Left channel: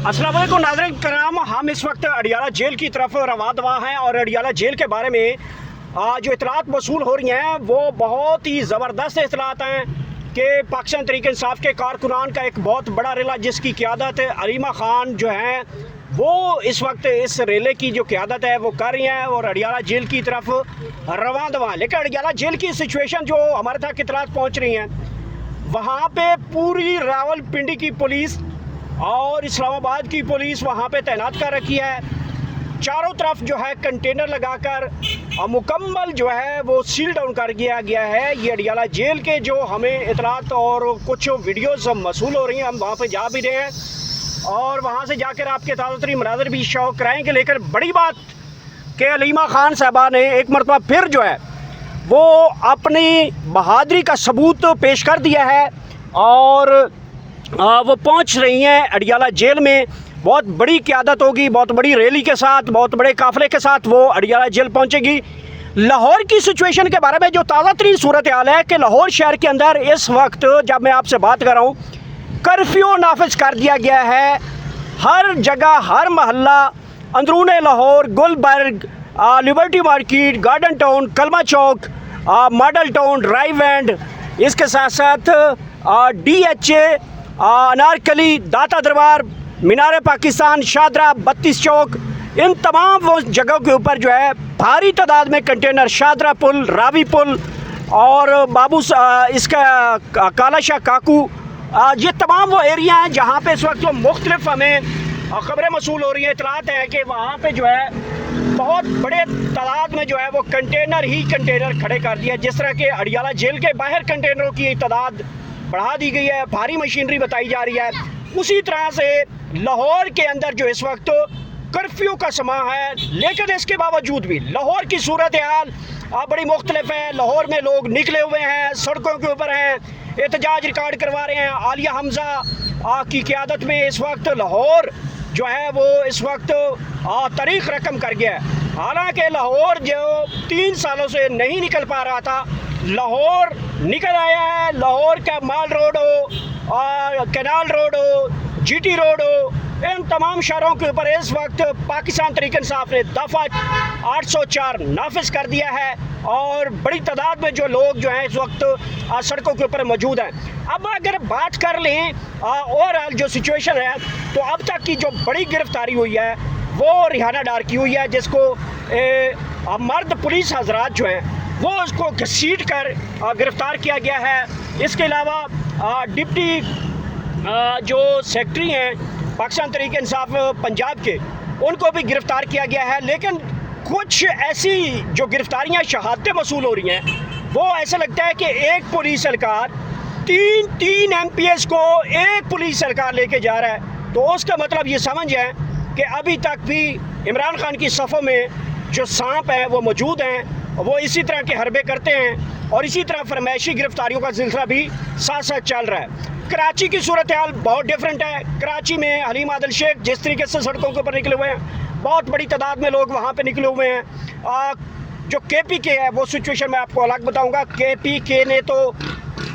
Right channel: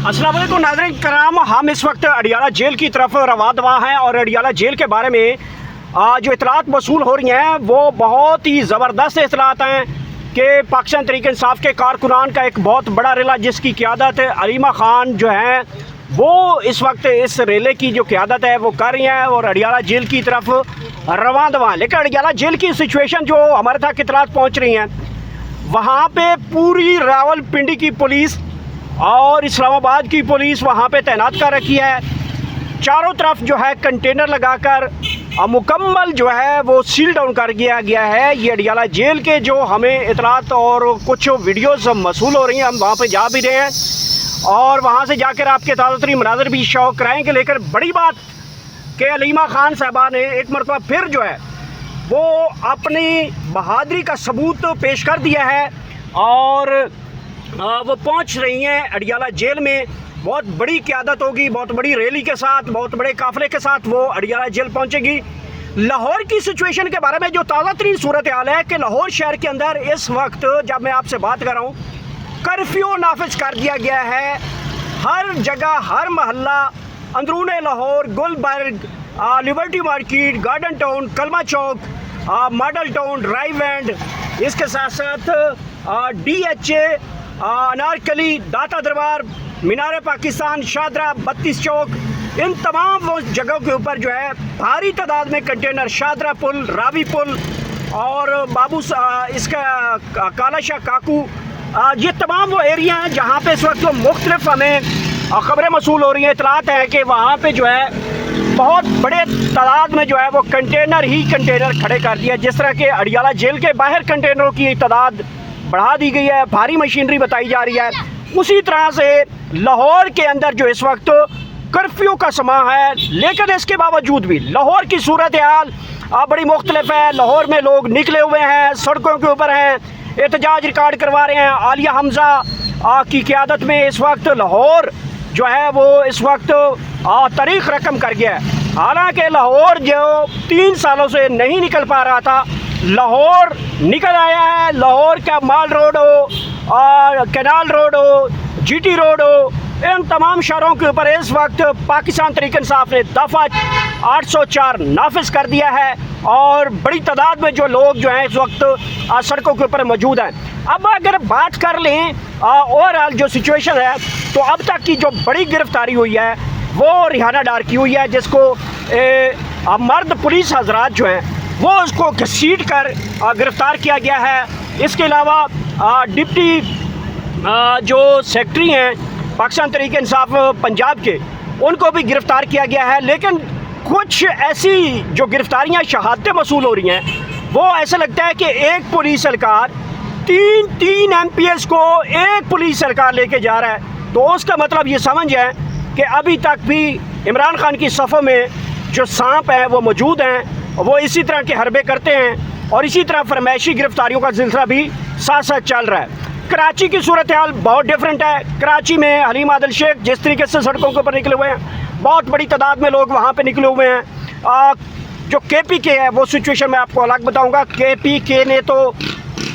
अस्सलाम वालेकुम नाज़रीन कराम, हम इस वक्त अडियाला जेल की तरफ रवां दवा हैं और अडियाला जेल के बारे में जो इतलात मौसूल हो रही हैं वो बहुत ही ज़बरदस्त इतलात हैं कि पाकिस्तान तहरीक इंसाफ के कारकुनान का एक बहुत बड़ा रेला जिसकी क़ियादत अलीमा ख़ान जो हैं वो इस वक्त इस रेले की जो क़ियादत है वो कर रही हैं और अडियाला जेल की तरफ रवां दवा। लेकिन अडियाला जेल की सिचुएशन जो हमारे तक इतलात पहुँच रही हैं वहाँ पे पूरी रावलपिंडी की पुलिस और इस्लामाबाद की पुलिस वहाँ पे तैनात कर रखी है। चारों तरफ जो है कंटेनर लगाकर मुकम्मल जो है वो सील डाउन कर दिया गया है। ये अडियाला जेल के जो हमें इतलात और कुछ वीडियोस मौसूल हो रही हैं, हम वहाँ पे जा भी रहे हैं और वहाँ से जाकर आपके ताज़ा तरीन मनाज़र भी शौक कराएँगे। लेकिन बड़ी बात कि अलीमा ख़ान साहबा ने एक मरतबा फिर जो है वो अपनी बहादुरी का सबूत पेश कर दिया है और वो पहुंच रही हैं अडियाला जेल में। बहुत बड़ी क़यादत होगी, बहुत बड़ी रैली के साथ, बहुत बड़े काफ़िले के साथ वो अडियाला जेल पहुंचेगी। लाहौर की सिचुएशन के बारे में जो ताज़ा तरीन सूरत हाल है कि लाहौर शहर के अंदर इस वक्त जब मैं आपसे बात कर रहा हूँ कर्फ्यू नाफिज कर दिया गया है। हर जगह, हर महल्ला, Androon Lahore, Gulberg, liberty market, garden town, Kalma Chowk, model town, drive end, इसके साथ साथ DHA, अनारकली, दाता दरबार, मीनार पाकिस्तान, शादरा, 32 चौक, इन तमाम वो जगहों के ऊपर जो है भारी तादाद में कंटेनर, शादरा पुल, रावी पुल और इसका काला शाह काकू, ये तमाम वो एरिया हैं जहाँ पे इस वक्त जो मुख्तलिफ हमें ख़बरें मौसूल हो रही हैं, इतलात हैं कि वहाँ पे जो है बहुत बड़े तादाद में जो है वो कंटेनर ही कंटेनर खड़े कर दिए। जिस तरह के अडियाला जेल के बाहर कंटेनरों की तादाद बढ़ा दी गई है, भारी मशीनरी बताई जा रही है, उसी तरह से लाहौर के अंदर जो इस वक्त कर्फ्यू का समा है। लेकिन इसके बावजूद भी लाहौर की सूरत हाल बड़ी मुख्तलिफ है। लाहौर में लोग निकले हुए हैं, सड़कों के ऊपर हैं, एहतजाज रिकॉर्ड करवा रहे हैं। आलिया हमज़ा की क़यादत में इस वक्त लाहौर जो है वो इस वक्त तारीख रकम कर गया है। हालांकि लाहौर जो 3 सालों से नहीं निकल पा रहा था, लाहौर निकल आया है। लाहौर का माल रोड हो, कैनाल रोड हो, GT रोड हो, इन तमाम शहरों के ऊपर इस वक्त पाकिस्तान तहरीक इंसाफ ने दफ़ा 804 नाफिज कर दिया है और बड़ी तादाद में जो लोग जो हैं इस वक्त सड़कों के ऊपर मौजूद हैं। अब अगर बात कर लें ओवरऑल जो सिचुएशन है तो अब तक की जो बड़ी गिरफ्तारी हुई है वो रिहाना डार की हुई है, जिसको मर्द पुलिस हजरात जो हैं वो उसको घसीट कर गिरफ़्तार किया गया है। इसके अलावा डिप्टी जो सेक्रेटरी हैं पाकिस्तान तहरीक इंसाफ पंजाब के, उनको भी गिरफ़्तार किया गया है। लेकिन कुछ ऐसी जो गिरफ़्तारियाँ, शहादतें मौसूल हो रही हैं वो ऐसा लगता है कि एक पुलिस एहलकार तीन MPS को एक पुलिस एहलकार लेके जा रहा है। तो उसका मतलब ये समझ है कि अभी तक भी इमरान खान की सफ़ों में जो सांप हैं वो मौजूद हैं, वो इसी तरह के हरबे करते हैं और इसी तरह फरमाइशी गिरफ्तारियों का सिलसिला भी साथ साथ चल रहा है। कराची की सूरत हाल बहुत डिफरेंट है। कराची में हलीम आदिल शेख जिस तरीके से सड़कों के ऊपर निकले हुए हैं, बहुत बड़ी तादाद में लोग वहाँ पे निकले हुए हैं। जो KPK है वो सिचुएशन मैं आपको अलग बताऊँगा। KPK ने तो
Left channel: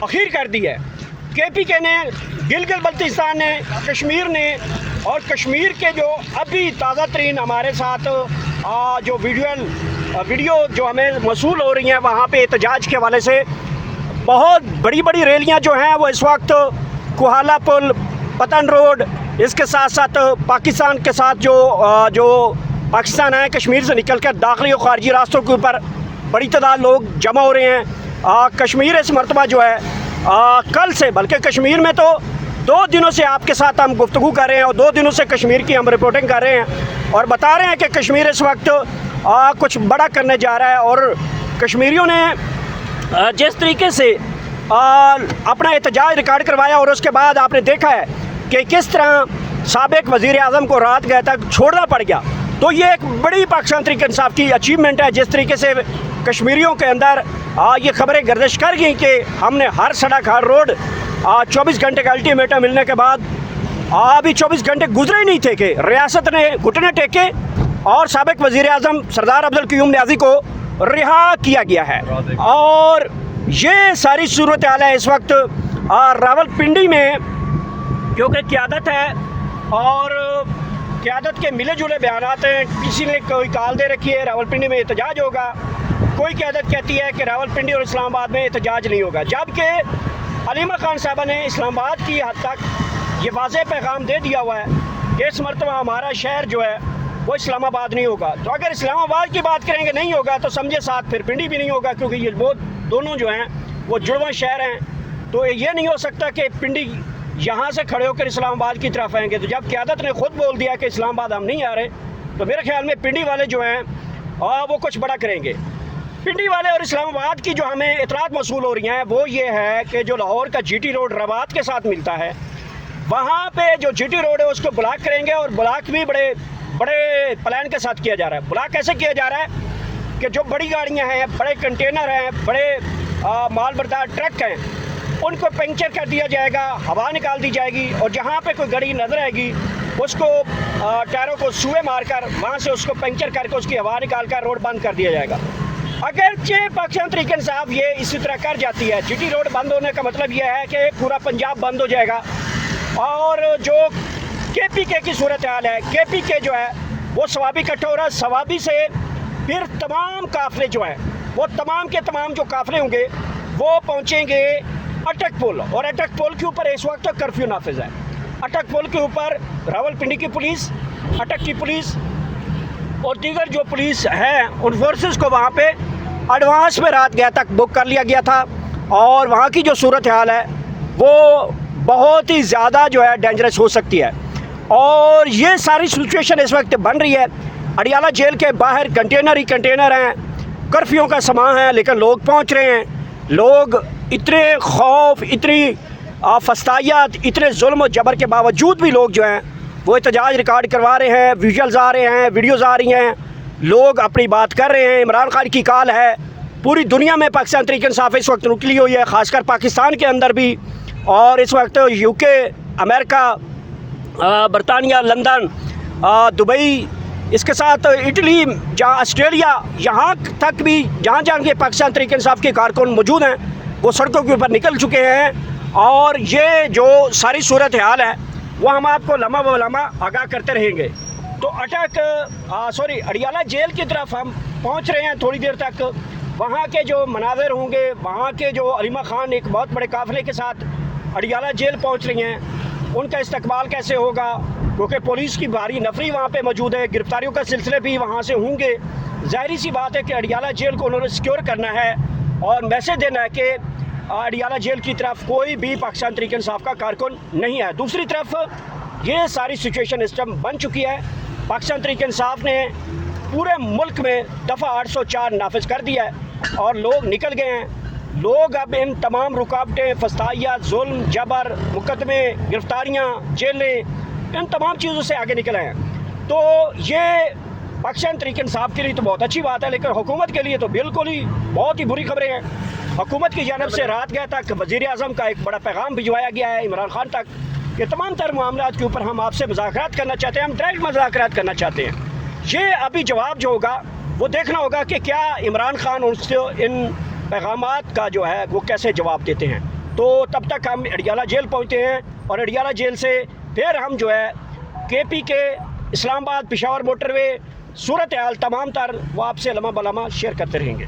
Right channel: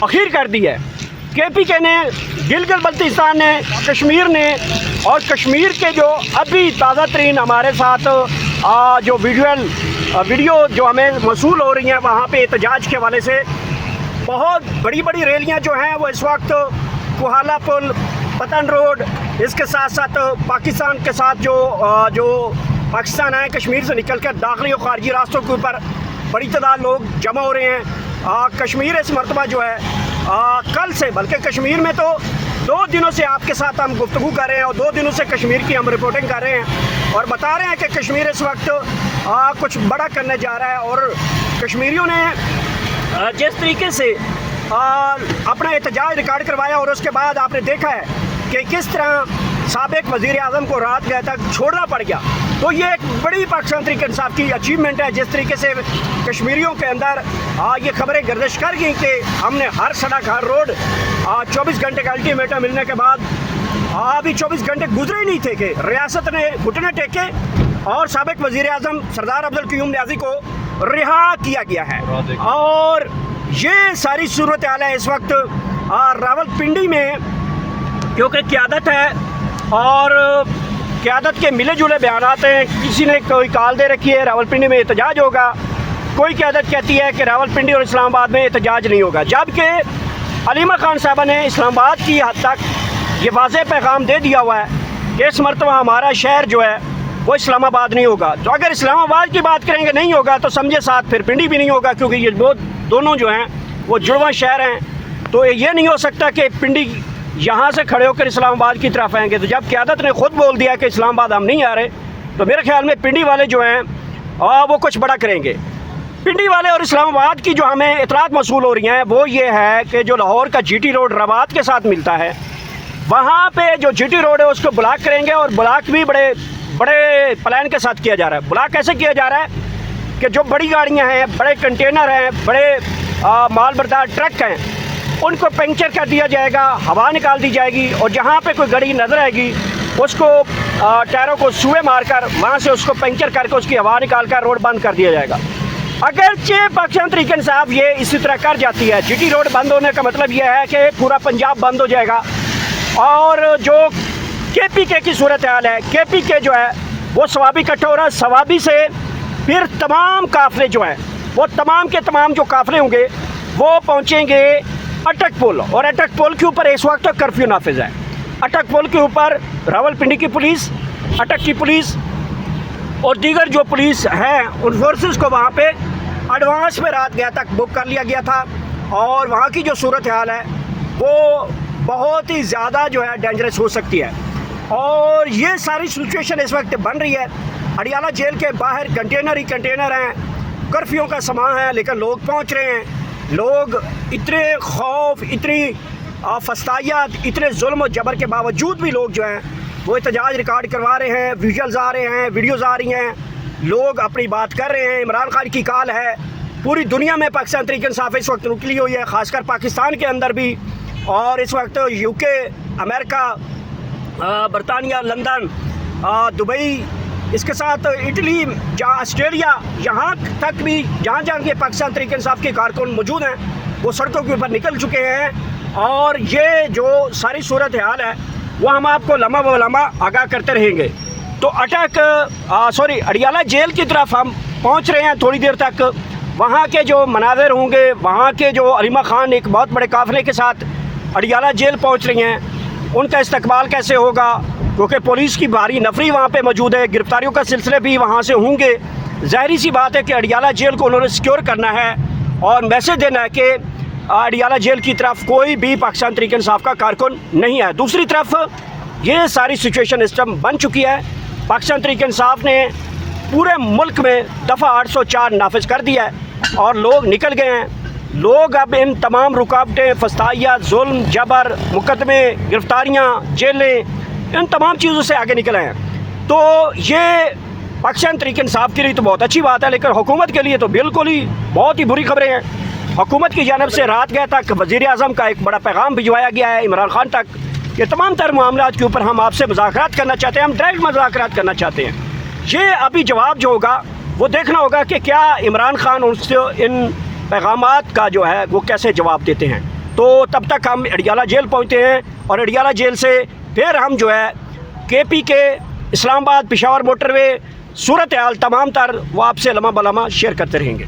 अखीर कर दी है। KPK ने गिलगित बल्तिस्तान ने, कश्मीर ने, और कश्मीर के जो अभी ताज़ा तरीन हमारे साथ जो वीडियो जो हमें मौसूल हो रही हैं वहाँ पे एहतजाज के हवाले से बहुत बड़ी बड़ी रैलियाँ जो हैं वो इस वक्त कुहाला पुल, पतन रोड, इसके साथ साथ पाकिस्तान के साथ जो पाकिस्तान है कश्मीर से निकल कर दाखिली और ख़ारजी रास्तों के ऊपर बड़ी तादाद लोग जमा हो रहे हैं। कश्मीर इस मरतबा जो है कल से, बल्कि कश्मीर में तो 2 दिनों से आपके साथ हम गुफ्तगू कर रहे हैं और 2 दिनों से कश्मीर की हम रिपोर्टिंग कर रहे हैं और बता रहे हैं कि कश्मीर इस वक्त कुछ बड़ा करने जा रहा है। और कश्मीरियों ने जिस तरीके से अपना एहतजाज रिकॉर्ड करवाया और उसके बाद आपने देखा है कि किस तरह साबिक वज़ीर आज़म को रात गए तक छोड़ना पड़ गया, तो ये एक बड़ी पाकिस्तान तहरीक इंसाफ की अचीवमेंट है। जिस तरीके से कश्मीरियों के अंदर ये खबरें गर्दिश कर गई कि हमने हर सड़क, हर रोड 24 घंटे का अल्टीमेटम मिलने के बाद अभी 24 घंटे गुजरे ही नहीं थे कि रियासत ने घुटने टेके और साबिक वज़ीर आज़म सरदार अब्दुल क़य्यूम नियाज़ी को रिहा किया गया है। और ये सारी सूरत हाल है इस वक्त रावलपिंडी में, क्योंकि क़यादत है اور قیادت کے ملے جلے بیانات ہیں. کسی نے کوئی کال دے رکھی ہے راولپنڈی میں احتجاج ہوگا, کوئی قیادت کہتی ہے کہ راولپنڈی اور اسلام آباد میں احتجاج نہیں ہوگا, جبکہ علیمہ خان صاحبہ نے اسلام آباد کی حد تک یہ واضح پیغام دے دیا ہوا ہے کہ اس مرتبہ ہمارا شہر جو ہے وہ اسلام آباد نہیں ہوگا. تو اگر اسلام آباد کی بات کریں گے نہیں ہوگا تو سمجھے ساتھ پھر پنڈی بھی نہیں ہوگا, کیونکہ یہ دونوں جو ہیں وہ جڑواں شہر ہیں. تو یہ نہیں ہو سکتا کہ پنڈی یہاں سے کھڑے ہو کر اسلام آباد کی طرف آئیں گے. تو جب قیادت نے خود بول دیا کہ اسلام آباد ہم نہیں آ رہے, تو میرے خیال میں پنڈی والے جو ہیں وہ کچھ بڑا کریں گے. پنڈی والے اور اسلام آباد کی جو ہمیں اطلاعات موصول ہو رہی ہیں وہ یہ ہے کہ جو لاہور کا جی ٹی روڈ روات کے ساتھ ملتا ہے, وہاں پہ جو جی ٹی روڈ ہے اس کو بلاک کریں گے, اور بلاک بھی بڑے پلان کے ساتھ کیا جا رہا ہے. بلاک کیسے کیا جا رہا ہے کہ جو بڑی گاڑیاں ہیں, بڑے کنٹینر ہیں, بڑے مال بردار ٹرک ہیں, ان کو پنکچر کر دیا جائے گا, ہوا نکال دی جائے گی, اور جہاں پہ کوئی گاڑی نظر آئے گی اس کو ٹائروں کو سوئے مار کر وہاں سے اس کو پنکچر کر کے اس کی ہوا نکال کر روڈ بند کر دیا جائے گا. اگرچہ پاکستان تحریک انصاف یہ اسی طرح کر جاتی ہے, جی ٹی روڈ بند ہونے کا مطلب یہ ہے کہ پورا پنجاب بند ہو جائے گا. اور جو کے پی کے کی صورتحال ہے, کے پی کے جو ہے وہ سوابی اکٹھا ہو رہا ہے, سوابی سے پھر تمام قافلے جو ہیں وہ تمام کے تمام جو قافلے ہوں گے وہ پہنچیں گے اٹک پل, اور اٹک پل کے اوپر اس وقت کرفیو نافذ ہے. اٹک پل کے اوپر راولپنڈی کی پولیس, اٹک کی پولیس اور دیگر جو پولیس ہیں ان فورسز کو وہاں پہ ایڈوانس میں رات گیا تک بک کر لیا گیا تھا, اور وہاں کی جو صورتحال ہے وہ بہت ہی زیادہ جو ہے ڈینجرس ہو سکتی ہے. اور یہ ساری سچویشن اس وقت بن رہی ہے. اڈیالہ جیل کے باہر کنٹینر ہی کنٹینر ہیں, کرفیو کا سامان ہے, لیکن لوگ پہنچ رہے ہیں. لوگ اتنے خوف, اتنی فسطائیات, اتنے ظلم و جبر کے باوجود بھی لوگ جو ہیں وہ احتجاج ریکارڈ کروا رہے ہیں, ویژولز آ رہے ہیں, ویڈیوز آ رہی ہیں, لوگ اپنی بات کر رہے ہیں. عمران خان کی کال ہے, پوری دنیا میں پاکستان تحریک انصاف اس وقت نکلی ہوئی ہے, خاص کر پاکستان کے اندر بھی, اور اس وقت یو کے, امریکہ, برطانیہ, لندن, دبئی, اس کے ساتھ اٹلی, جہاں آسٹریلیا, یہاں تک بھی جہاں جہاں کے پاکستان تحریک انصاف کے کارکن موجود ہیں وہ سڑکوں کے اوپر نکل چکے ہیں. اور یہ جو ساری صورتحال ہے وہ ہم آپ کو لمحہ بہ لمحہ آگاہ کرتے رہیں گے. تو اڈیالہ جیل کی طرف ہم پہنچ رہے ہیں تھوڑی دیر تک. وہاں کے جو مناظر ہوں گے, وہاں کے جو علیمہ خان ایک بہت بڑے قافلے کے ساتھ اڈیالہ جیل پہنچ رہی ہیں, ان کا استقبال کیسے ہوگا, کیونکہ پولیس کی بھاری نفری وہاں پہ موجود ہے, گرفتاریوں کا سلسلے بھی وہاں سے ہوں گے. ظاہری سی بات ہے کہ اڈیالہ جیل کو انہوں نے سیکیور کرنا ہے اور میسج دینا ہے کہ اڈیالہ جیل کی طرف کوئی بھی پاکستان تحریک انصاف کا کارکن نہیں ہے. دوسری طرف یہ ساری سچویشن اس ٹائم بن چکی ہے. پاکستان تحریک انصاف نے پورے ملک میں دفعہ 804 نافذ کر دیا ہے اور لوگ نکل گئے ہیں. لوگ اب ان تمام رکاوٹیں, فسطائیات, ظلم, جبر, مقدمے, گرفتاریاں, جیلیں, ان تمام چیزوں سے آگے نکل آئے ہیں. تو یہ پاکستان تحریک انصاف کے لیے تو بہت اچھی بات ہے, لیکن حکومت کے لیے تو بالکل ہی بہت ہی بری خبریں ہیں. حکومت کی جانب سے رات گئے تک وزیر اعظم کا ایک بڑا پیغام بھجوایا گیا ہے عمران خان تک. یہ تمام تر معاملات کے اوپر ہم آپ سے مذاکرات کرنا چاہتے ہیں, ہم ڈائریکٹ مذاکرات کرنا چاہتے ہیں. یہ ابھی جواب جو ہوگا وہ دیکھنا ہوگا کہ کیا عمران خان ان پیغامات کا جو ہے وہ کیسے جواب دیتے ہیں. تو تب تک ہم اڈیالہ جیل پہنچتے ہیں, اور اڈیالہ جیل سے پھر ہم جو ہے کے پی کے, اسلام آباد, پشاور موٹر وے, صورتحال تمام تر وہ آپ سے لمحہ بہ لمحہ شیئر کرتے رہیں گے.